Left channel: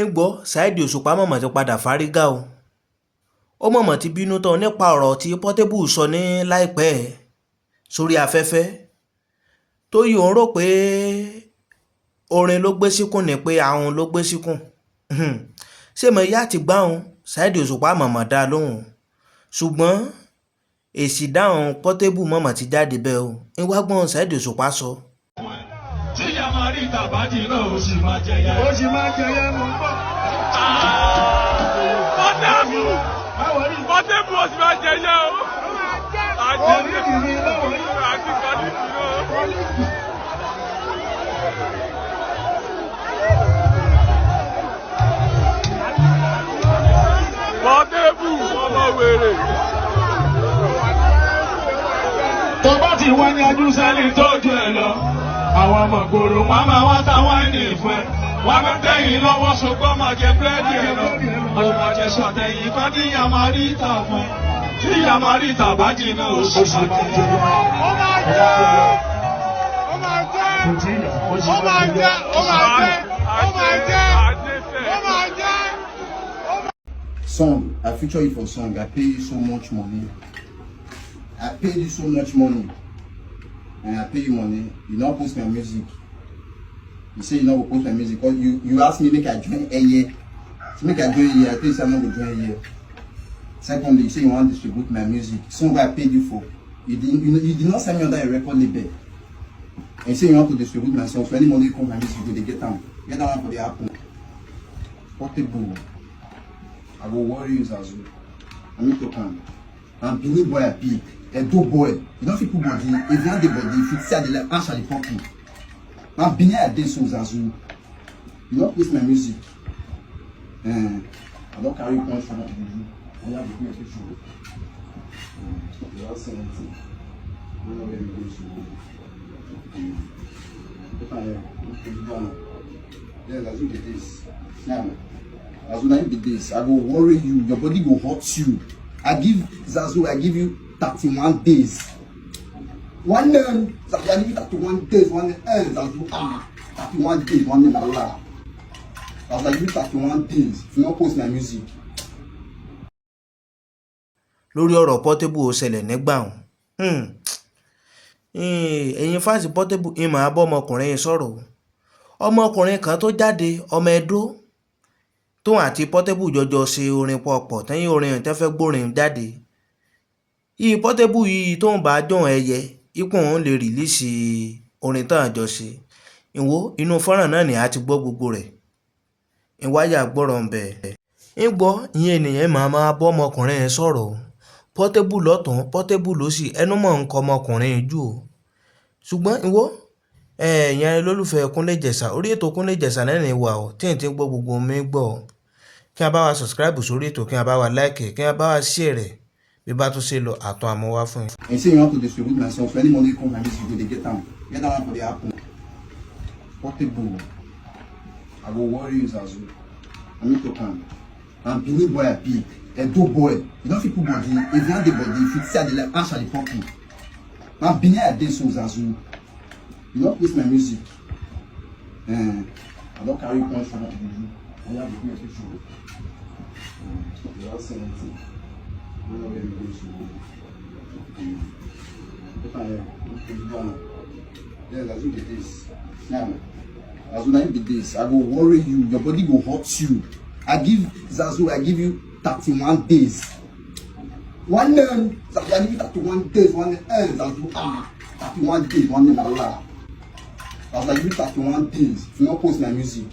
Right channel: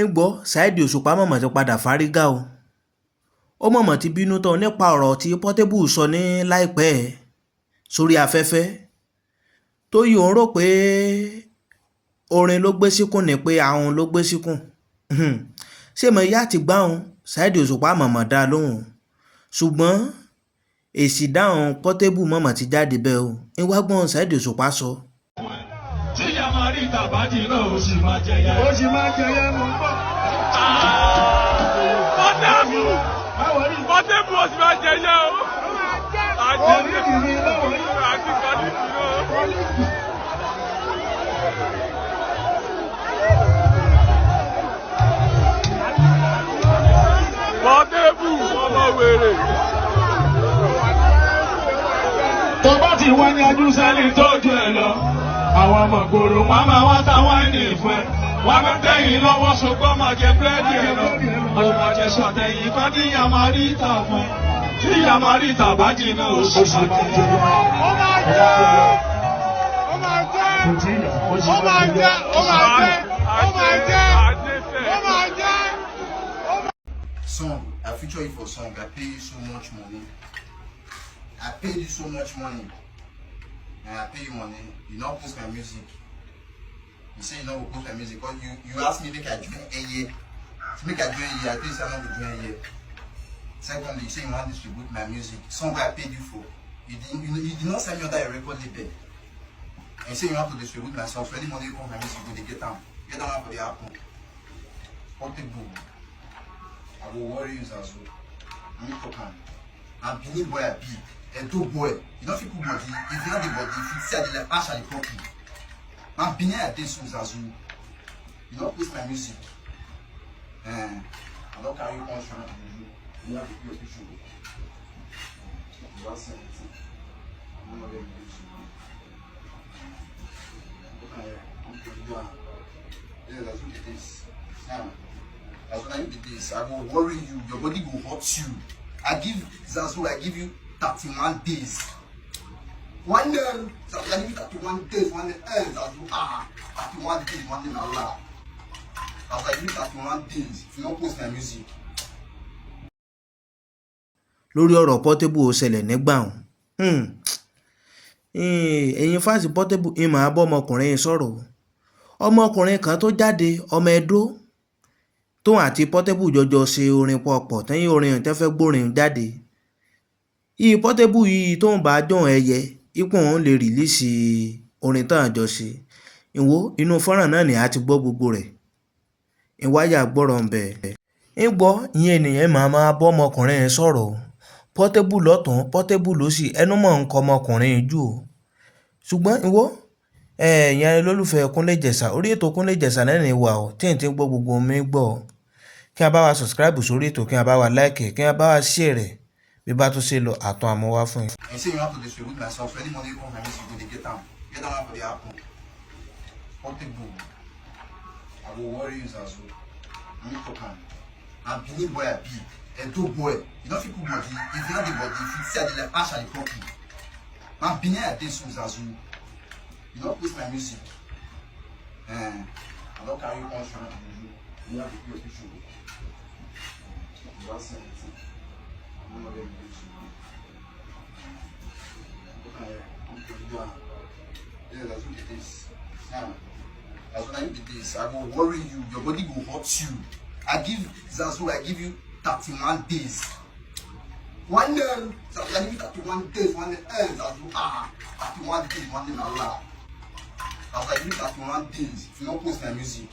ń gbọ́ Saheed Òṣùpá mọ̀mọ́ ti padà fárígá o. Ó mọ̀mọ́ ti bínú tán nípa ọ̀rọ̀ tí Portable sọ ní láìpẹ́ sórí afẹ́fẹ́ tó yìí òun rò pé orin ló gbé síkùn ní pé ahun ló gbé síkùn. Ṣé mo yá ti gbáhùn Saheed Òṣùpá mọ̀mọ́ dá lóhùn ṣùgbọ́n èsì dáhùn Portable mọ̀mọ́ ti jáde bẹ́ẹ̀ o. ń wá gbọ́n Saheed Òṣùpá sọ. tí ìyá máa rí tàbátì náà ó sì máa jẹyẹ. ó sì máa jẹyẹ mú bọ̀. Portable ó sì máa jẹyẹ o. Oníkìní lọ́wọ́ yìí. àti kọ́líkì náà. Portable ọmọ wèrè. tó bá ti wá ní ajú sẹ́ni tó jù ẹ lọ. àwọn ọmọ gbòòrò wọ́n máa wá táwọn ẹni ìfẹ́. wọ́n máa tẹ̀yìn lọ́wọ́ ṣùgbọ́n máa jẹ búrẹ́dì ẹ̀ lọ. ó máa jẹ sọ̀tẹ̀yìn kan tí ìyá máa rí ìta fún. tí ìyá máa rí tàbátì náà ó sì máa jẹyẹ. ó máa jẹ́ ó máa jẹ́ ó máa jẹ́ ó máa jẹ́ ó máa jẹ́ ó máa jẹ́. Song, I feature you for song. I pay you so much money. I paid you so much money. And I pay you money. You not post my music. You say you not go post my music because you ask me make I join a year. So make I join a year. I tell you say I'm not going to join a year. Secondly, you say you want to distribute my music. Song I paid you for. You did not send me under a record label. And you say you want to distribute my song. So any money you come my music, you go they get them. Get that one for the Apple. Portable. I will worry you as well. I'm not talking. I'm Benin boy, I be a do boy. You don't feel good body. If you have the body, if you see the left, answer the pocket. I'm Benin a day songs as well. You don't post my music. I don't carry punch from you. You have to do your picture. You have 70. I'm not very good. Yeah, that's what it is. Now. As when I be this, I go worry you, your body go hurt you. I give Zazu, I give you 31 days. One name, Zazu, I give you 31 days, one name, Zazu, 31 days, one name, Allah. Zazu, I give you 31 days, if you not post my music. Lórí ọ̀rọ̀ Portable ó ṣẹlẹ̀ nígbà ọ̀hún. Ẹ̀yin fáǹsì Portable ìmọ̀ abọ́ ọmọkùnrin sọ̀rọ̀. Ọmọkùnrin kan tó jáde ọmọ Ẹdó tóun àti Portable jọjọ ṣe orin pọ̀pọ̀ tẹ́yìn orin tẹ́ fẹ́ gbórin jáde. Yìí Portable yìí tóun bá jọ̀hún ẹyẹ ipò òun lè rìlíìsì orin tán àjọ ṣe. Ìwọ inú fọ́nrán náà ni a ti gbọ́ gbogbo rẹ̀. Ìwáyà gbọ́rọ̀ ń bẹ̀. ń gbọ́ ìyẹn ènìyàn máa bọ́ ọmọkùnrin yẹn sọ̀rọ̀. Portable lọ́tún Portable lósì ẹnu mọ̀ ń kọ ọmọkùnrin jù o. ṣùgbọ́n ìwọ ìyẹn lólùfẹ́ Kúnlé Ìjẹ̀ṣà orí ètò Kúnlé Ìjẹ̀ṣà náà ní wà ó tí n ti gbọ́ gbogbo mi gbọ́ kí a bá wa subscribe sórí ètò kí a bá wa like kí a bá wa share rẹ̀ bí bá tún ṣe lọ àtún àmúwá fún yín. And you say you want to distribute my song, so any money you come my music, you go they get them. Get that one for the Apple. Portable. I will worry you as well. I'm not talking. I'm Benin boy, I be a do boy. You don't feel good body. If you have the body, if you see the left, answer the pocket. I'm Benin a day songs as well. You don't post my music. I don't carry punch from you. You have to do your picture. You have 70. I'm not very good. Yeah, that's what it is. Now, as when I be this, I go worry you, your body go hurt you. I give Zazu, I give you 31 days. One name, Zazu, I give you 31 days, one name, Zazu, 31 days, one name, Allah. Zazu, I give you 31 days, if you not post my music.